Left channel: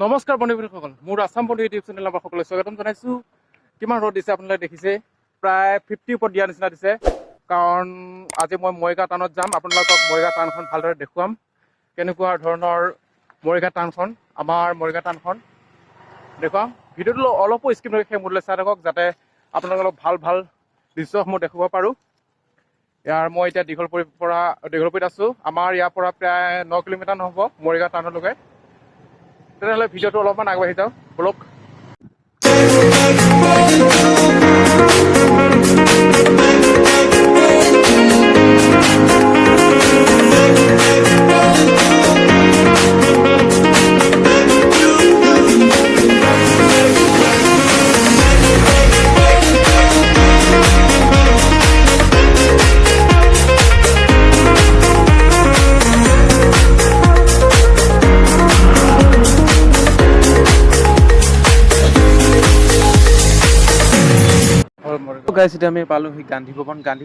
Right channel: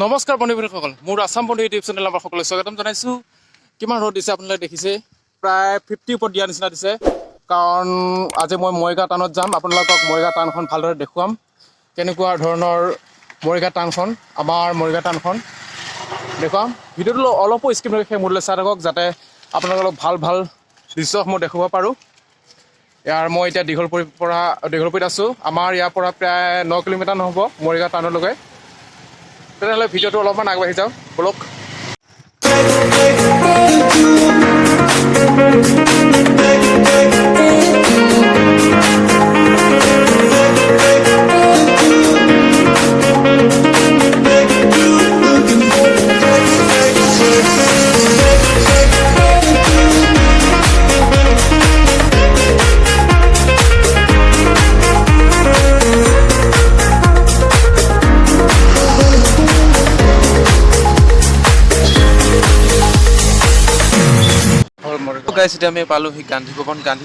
নমস্কাৰ বন্ধুসকল, মোৰ আসাম বন্ধু ইউটিউব চেনেল আমাৰ সকলোকে স্বাগতম জনাইছোঁ। কিমান ৰ'দ দিছে আপোনালোকে দেখিছে, প্ৰায় 50 ওপৰত দিয়া নিচিনা দিছে। কাৰণ আজি মই মৰিগাঁও টাউনত যাম, আপোনালোকক মৰিগাঁও টাউনখন ভালদৰে দেখুৱাম। কেনেকুৱা ধৰণৰ মৰিগাঁও টাউনখন, আমাৰ মৰিগাঁও টাউনখন দেখুৱাম। ভিডিঅ'টো অলপো স্কিপ নকৰি সেই মূল্য চাই থাকক, যাতে আপোনালোকক ভাল দৃশ্যসমূহ দেখুৱাব পাৰোঁ। মই এতিয়া দীঘলপুৰিত আছোঁ। আমাৰ ইয়াৰ পৰা প্ৰায় 9 কিলোমিটাৰ নহ'ব মৰিগাঁও টাউনলৈকে। তেনেহ'লে ভিডিঅ'টো অলপমান আগবাঢ়ি যাওঁ বলক। এতিয়া আমি পালোহি গান্ধী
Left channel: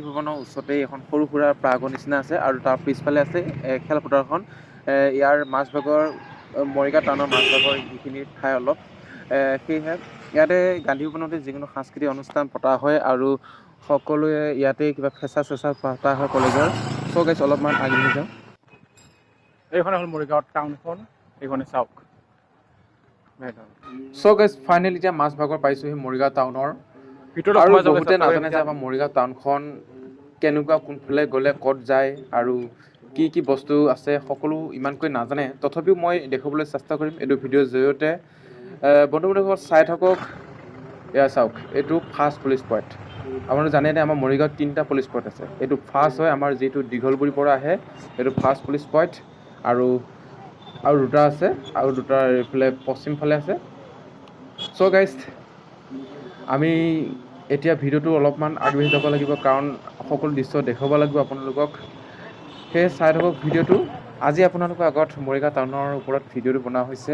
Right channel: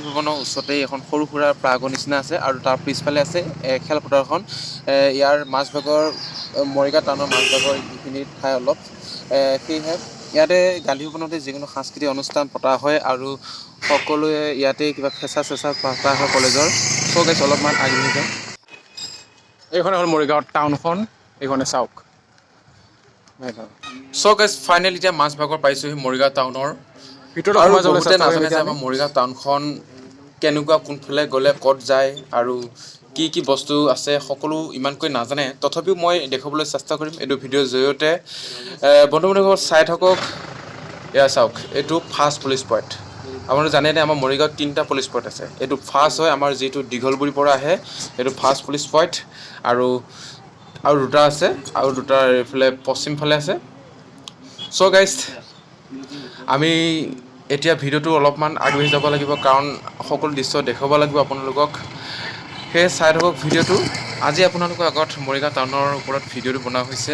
ভৱনৰ ওচৰতে এখন সৰু সুৰা প্ৰাগৰ নিচিনা আছে, আৰু তাৰ পিছফালে আছে খেলপথাৰখন। ইয়াৰ মাজভাগৰ মৰিগাঁও টাউনৰ মাজভাগৰ এইখিনি ঠাই অলপ সেয়েহে ইয়াতে গান্ধী ভৱনতে যিকোনো সাংস্কৃতিক অনুষ্ঠান পতা হয়, আৰু সকলোৱে ইয়াতে কিবা ফেচা পতা হয় কলেজৰ। গাইছ অলপমান আগবাঢ়ি যাওঁ। এইখনে হ'ল মৰিগাঁও টাউনখন, এইখনে চাওক। গাইছ ফাইনেলি এতিয়া মাজভাগৰ পাইছোহি মৰিগাঁও টাউনৰ। আৰু বহুতে নাজানে যে আমাৰ মৰিগাঁও টাউনখন কেনেকুৱা, কোনফালে গ'লে ক'ত যায়, আৰু কি বস্তু আছে সকলো ইমানকৈ নাজানে। তথাপিও মই দেখুৱাবলৈ চেষ্টা কৰিম এইটো ভিডিঅ'ৰ জৰিয়তে। বন্ধুসকল চাই থাকক। এয়া চাওক, এইটো ফাৰ্ষ্ট পুলিচ পইণ্ট। আপোনালোকে জানেনে আমাৰ মৰিগাঁৱত 3টা পুলিচ পইণ্ট আছে। এইটো ফাৰ্ষ্ট হয় আমাৰ যিটো দীঘলবুৰিৰ পৰা আহে, এইটো ফাৰ্ষ্ট পুলিচ পইণ্ট। আৰু 2টা আছে, আৰু 2টা এইফালে পশ্চিম ফালে আছে। গাইজ আমি এতিয়া ভিডিঅ'টো অলপমান আগবাঢ়ি যাব লাগিব, কাৰণ সকলো দৃশ্য দেখুৱাব লাগিব আপোনালোকক। সেয়ে চাই থাকক ভিডিঅ'টো। আজি আপোনালোকৰ আগত মৰিগাঁও টাউনৰ ওপৰত ভিডিঅ'টো বনোৱা হৈছে,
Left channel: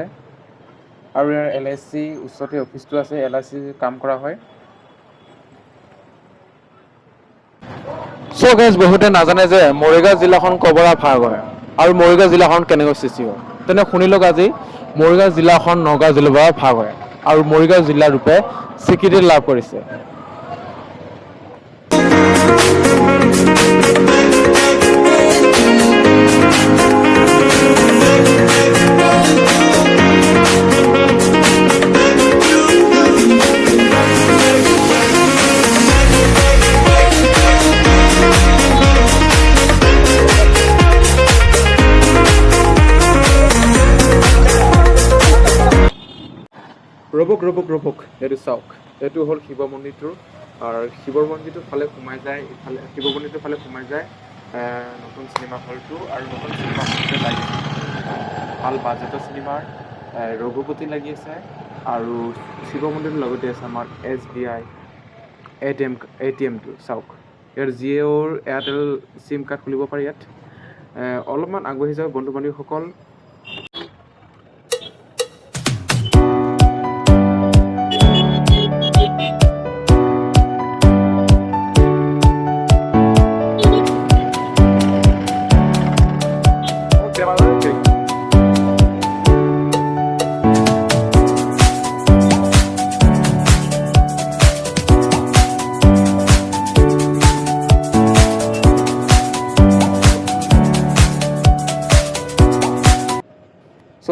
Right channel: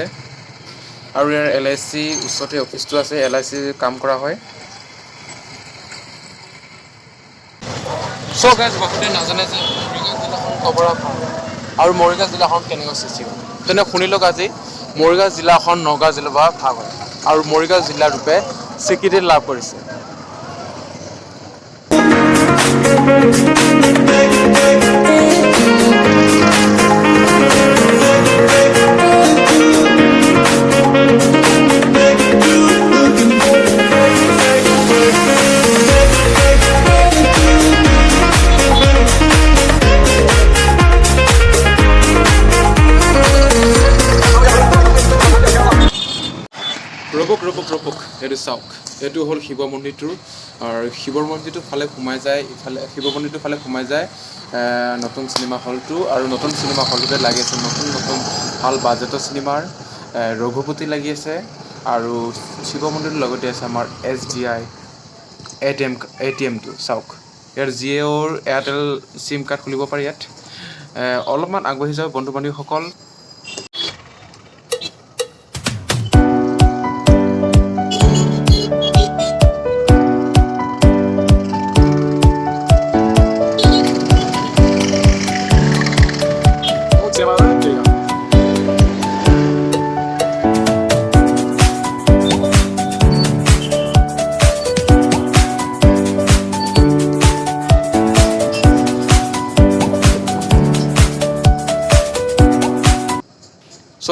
আৰু ইয়াৰ LIC ওচৰতে অফিচটো আছে, LIC কাম কৰা হয়। গাইজ বহুতে নাজানে যে মৰিগাঁও জিলাখন কবৰা ভাগৰ, আৰু মৰিগাঁও জিলাখন কেনেকৈ সৃষ্টি হয়। তেনে শুনি লওক, আজি মৰিগাঁও জিলাখন নগাঁও জিলাৰ পৰা ভাগ হয়, আৰু মৰিগাঁও জিলা ৰূপে স্বীকৃতি লাভ কৰিছে। ৰবক এইটো চাওক, এইটো হ'ল শিৱ মন্দিৰটো। আৰু শিৱ মন্দিৰটোৰ ফালে সোমাই যায়, শিৱ মন্দিৰটোৰ ফালে সোমাই যায় নতুন চিনেমা হলটো, আৰু নতুন চিনেমা হলটোতে লাগি আছে নতুন ভাল বাজেটৰ চিনেমাৰ ৰঘুপতি লাগি আছে। আৰু শিৱ মন্দিৰটোৰ লগতে আছে আমাৰ SBI ATMটো চাওক। ইয়াৰ জিঅ'ৰ এয়াৰটেল চিম কাৰ্ড খুলিব পাৰি ইয়াত। অলপমান আগবাঢ়ি যাওঁ বন্ধু বান্ধৱীসকল।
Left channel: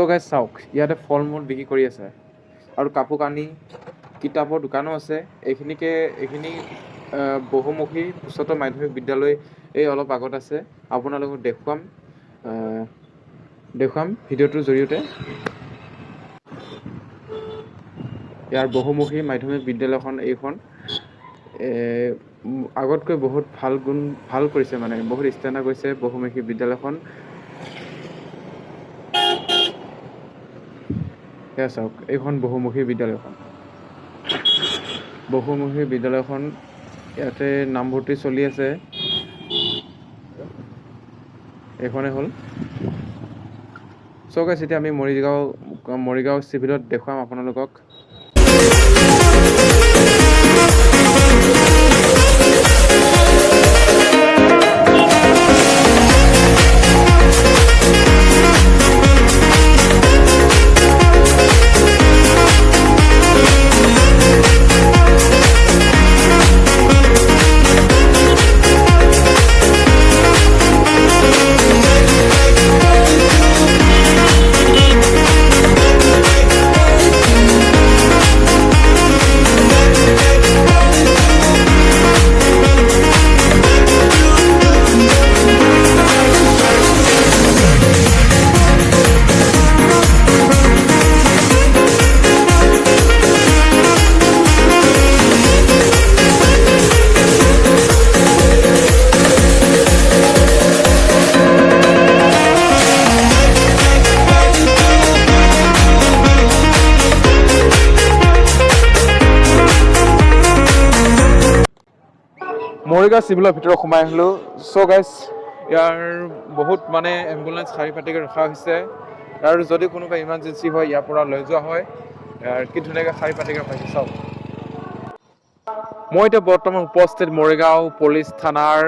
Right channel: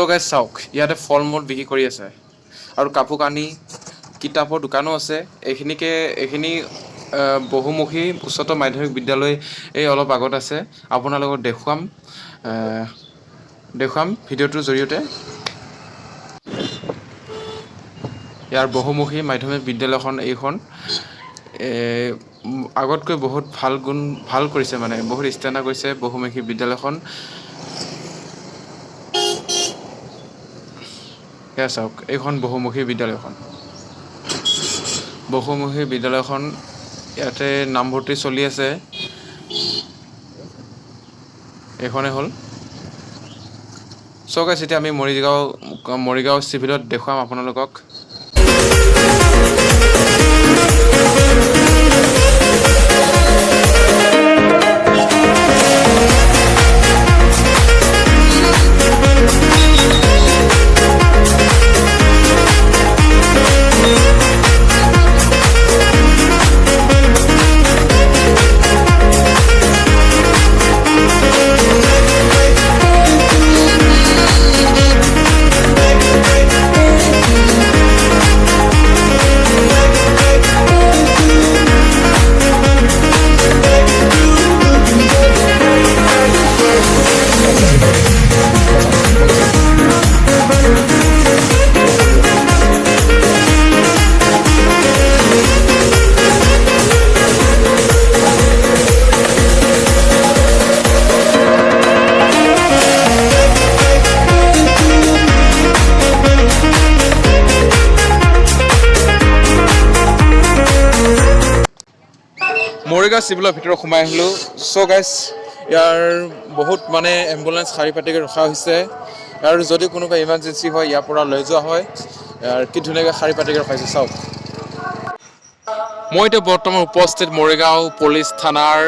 গাইজ চাওক, ইয়াতে ফল মূল বিক্ৰী কৰি আছে, আৰু কাপোৰ কানি কিতাপৰ দোকানো আছে। এইখিনি বহুমুখী উচ্চতৰ মাধ্যমিক বিদ্যালয় এই অলপ আগত আছে। আপোনালোকক দেখুৱাম ভিডিঅ'টোৰ জৰিয়তে। ইয়াৰ বহুমুখী মাধ্যমিক বিদ্যালয়খন এইখন আগতকৈ বহুত ভাল কৰিছে, মানে বহুত ষ্টেণ্ডাৰ্ড কৰিছে বহুমুখী বিদ্যালয়খন। এয়া চাওক, এইখন বহুমুখী বিদ্যালয়খন ইয়াতে নামভৰ্তি চলি আছে। এইখনে হ'ল। গাইজ এতিয়া আমি মৰিগাঁও চিভিলত দেখুৱাম আপোনালোকক। মৰিগাঁও চিভিলৰ ভিতৰত সোমাই আহিলোঁ। চ' গাইজ ইয়াৰ বহুত মানে এম্বুলেঞ্চ শাৰী পাতিকৈ ৰখা হৈছে আৰু যদি কোনোবা ইমাৰ্জেঞ্চি হয় ইয়াৰ পৰা লৈ যোৱা হয়। কি ধুনীয়াকৈ শাৰী পাতিকৈ ৰখাইছে চাওক। মই এতিয়া বৰ্তমান উপস্থিত মৰিগাঁও পুলিচ থানাৰ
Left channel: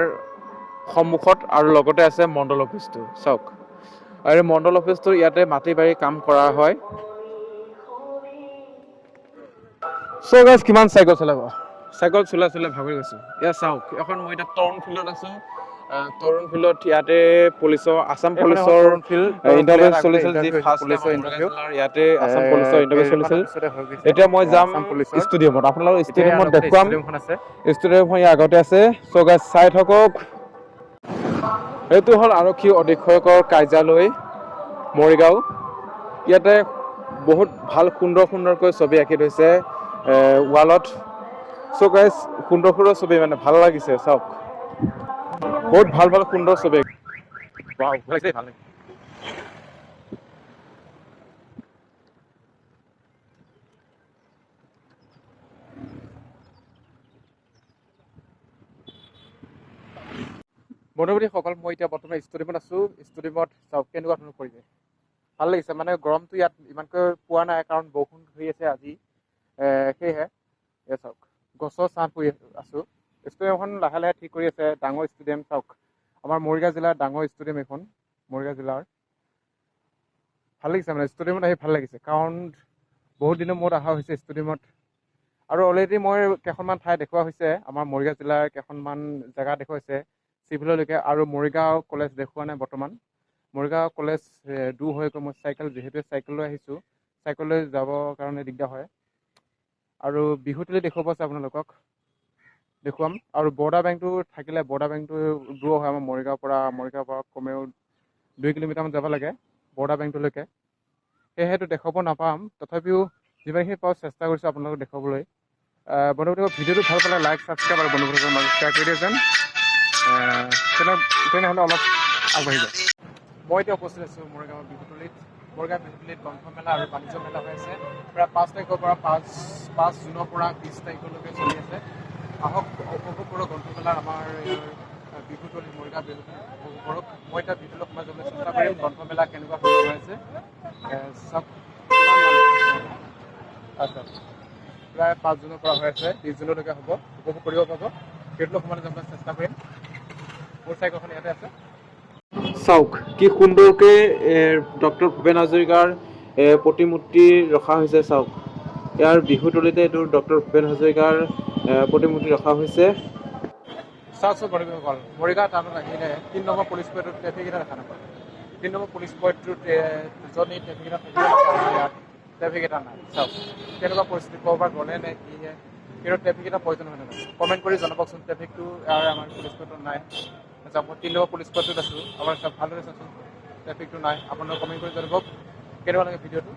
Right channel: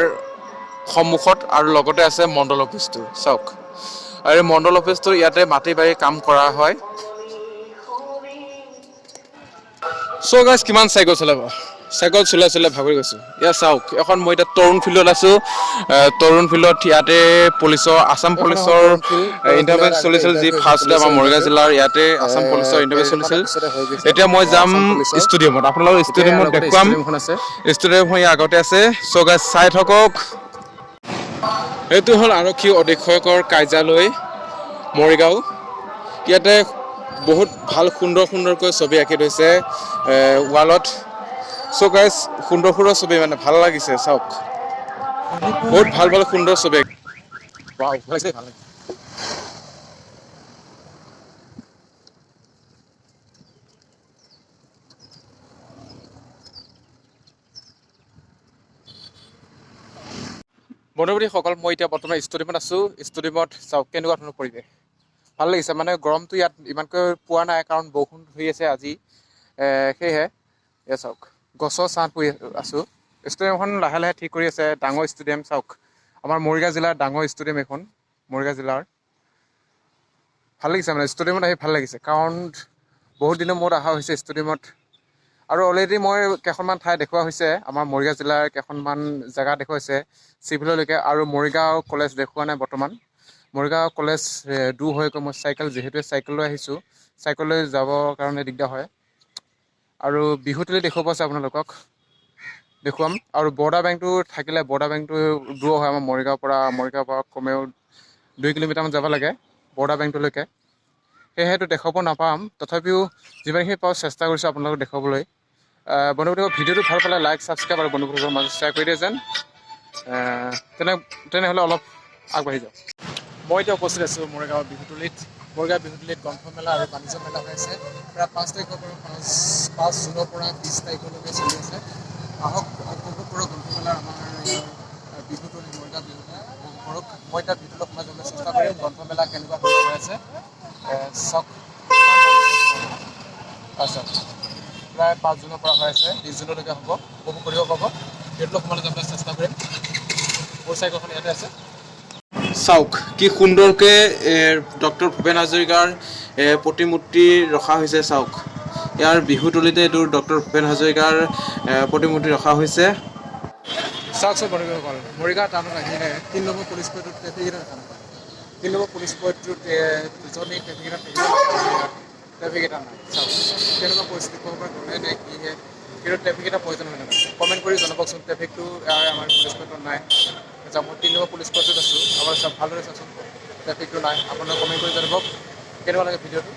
সন্মুখত আৰু লগতে আছে মণ্ডল অফিচটো চাওক। আৰু এই মণ্ডল অফিচটো ইয়াতে মাটি বাৰী কাম কৰা হয়। চ' গাইজ কিমান চাইকেল চলাব, চাইকেল চলাই ভাগৰি গৈছোঁ। এয়া চাওক এখন মই এতিয়া তৰুণ ফিল্ডত আছোঁ। তৰুণ ফিল্ডত ইয়াতে পুলিচৰ আছাম এইখন এখন পুলিচৰ তৰুণ ফিল্ড ইণ্টাৰভিউ আগতে চলিছিল, যি ইণ্টাৰভিউ হৈছিল ফাৰ্ষ্ট পুলিচৰ আমাৰ মৰিগাঁও ইণ্টাৰভিউ জিলাৰ ইয়াতে আছাম পুলিচৰ ইণ্টাৰভিউ চলিছিল। কেইদিনমানৰ পিছতে হৈ গৈছে এতিয়া মই যাম আছাম পুলিচৰ। ষ্টেডিয়ামত, আপোনালোকৰ এতিয়া ইয়াৰ ষ্টেডিয়ামত লগতে দেখুৱাম। ষ্টেডিয়ামখন আছে। ষ্টেডিয়ামখন ইয়াৰ আগতে আছে। চ' গাইজ চাই থাকক। এইটো হ'ল আৰক্ষী অধীক্ষকৰ কাৰ্যালয় মৰিগাঁও। ইয়াতে বহুত ভাল সুন্দৰকৈ ছবি আঁকি থৈছে ৱালত। চ' গাইজ সুন্দৰ ছবি মানে ভাল লাগিছে চাওক। বহুত ভাল সুন্দৰ ছবি। ৱাও ভাল লাগিছে। বন্ধুবান্ধৱীসকল, মই এতিয়া বৰ্তমান ষ্টেডিয়ামত আছোঁ। ষ্টেডিয়ামত চাওক কেনেকুৱা ধৰণৰ পৰিৱেশ, ভাল লাগিছে। মানে গৰমটো ইয়াত ইমানকৈ পোৱা নাই কাৰণ বৰষুণ হৈ আছে আজি। সেয়েহে এয়া চাওক গছৰ ছাঁত পৰি আছোঁ। ষ্টেডিয়ামখন লাহে লাহে ঠিক কৰি আছে। ডাঙৰ ষ্টেডিয়াম চাওক, আমাৰ মৰিগাঁও জিলাৰ ডাঙৰ ষ্টেডিয়াম এখন। মৰিগাঁও জিলাৰ ভাল লাগিছে, মানে ষ্টেডিয়ামত আহি ভাল লাগিছে কাৰণ বহুত দিনৰ মূৰত অহা হৈছে ষ্টেডিয়ামত। আৰু অলৰেডি মই কেইখনমান ঠাই দেখুওৱা হৈছে, আমাৰ মৰিগাঁও জিলাৰ কেইখনমান জেগা দেখুৱাইছে চিভিললৈকে। আৰু মৰিগাঁও কলেজ দেখুওৱা নাই বৰ্তমান। মৰিগাঁও কলেজ দূৰ হৈ গৈ মই চাইকেল লৈ আহিছোঁ। চাইকেল লৈ যাবৰ কাৰণে দিগদাৰ হয়। আৰু বিহুতলী দেখুৱাব আছে আপোনালোকক দেখুৱাম। আৰু বৰোদা বেংকটো থাকিলে, বৰোদা বেংকটো দূৰ হয় আমাৰ মৰিগাঁৱৰ পৰা কমেও 2 কিলোমিটাৰমান যাব লাগে বৰোদা বেংকটোলৈকে। সেয়েহেটো দেখুৱাব নাপাম, তথাপিও যিমানখিনি পাৰোঁ চেষ্টা কৰিছোঁ আপোনালোকক দেখুৱাবলৈ। বন্ধুসকল ভিডিঅ'টো ভাল পালে লাইক, ছাবস্ক্ৰাইব আৰু বন্ধুসকলৰ মাজত শ্বেয়াৰ কৰি দিয়ে যেন। তেনেহ'লে অলপ আগবাঢ়ি যাওক। মই এতিয়া উপস্থিত আছোঁ মৰিগাঁও বিহুতলীত। মৰিগাঁও বিহুতলীত গ্ৰন্থমেলা আৰু বাণিজ্য মেলা হৈ আছে। প্ৰায় 5 তাৰিখৰ পৰা 5 জুনৰ পৰা 20 তাৰিখলৈকে চলি আছে। আহক উপভোগ কৰক গ্ৰন্থমেলাৰ আমাৰ ইয়াৰ বিহুতলী, মৰিগাঁও বিহুতলী উপভোগ কৰক। মই এতিয়া ভিতৰলৈ সোমাই যাবলৈ চেষ্টা কৰিম গ্ৰন্থমেলা কেনেকুৱা ধৰণৰ হৈ আছে চাওক। চাওক প্ৰায় 5 জুনৰ পৰা হৈ আছে, 20 জুনলৈকে হ'ব। উপভোগ কৰিব পাব। ভিতৰলৈ সোমাই যাবলৈ চেষ্টা কৰিম। মোৰ চাইকেলখন ইয়াতে আছে। চাওক কি সুন্দৰকৈ ডক্টৰ ভূপেন হাজৰিকাৰ প্ৰতিমূৰ্তি ৰখা হৈছে চাওক। ইয়াৰ বিহুতলীতে এইটো ডক্টৰ ভূপেন হাজৰিকাৰ প্ৰতিমূৰ্তি ৰখা হৈছে। চাওকচোন বন্ধুসকল, মৰিগাঁও টাউনত আহিলে 3 নম্বৰ পুলিচ পইণ্টটোত ট্ৰেফিক এটা দেখা নাপায়। 3 নম্বৰ পুলিচ পইণ্টটোত য'ত ট্ৰেফিক এটা থাকিব লাগে, আমাৰ ইয়াত ট্ৰেফিক এটা নাই। চাওক কেনেকুৱা পৰিস্থিতি, ক'ৰবাত গ'লে নে কিহে, কিন্তু ট্ৰেফিক এটা প্ৰয়োজন হয় নাথাকে। কমেণ্ট কৰি জনাবচোন ট্ৰেফিকটো আমাৰ পুলিচ পইণ্টত নাই। মই 3 নম্বৰ পুলিচ পইণ্টটোত আছোঁ। আমাৰ ভালদৰে চাওকচোন ট্ৰেফিকটো নাই। আপোনালোকে কমেণ্ট কৰি জনাব কেনেকুৱা লাগে ভিডিঅ'টো।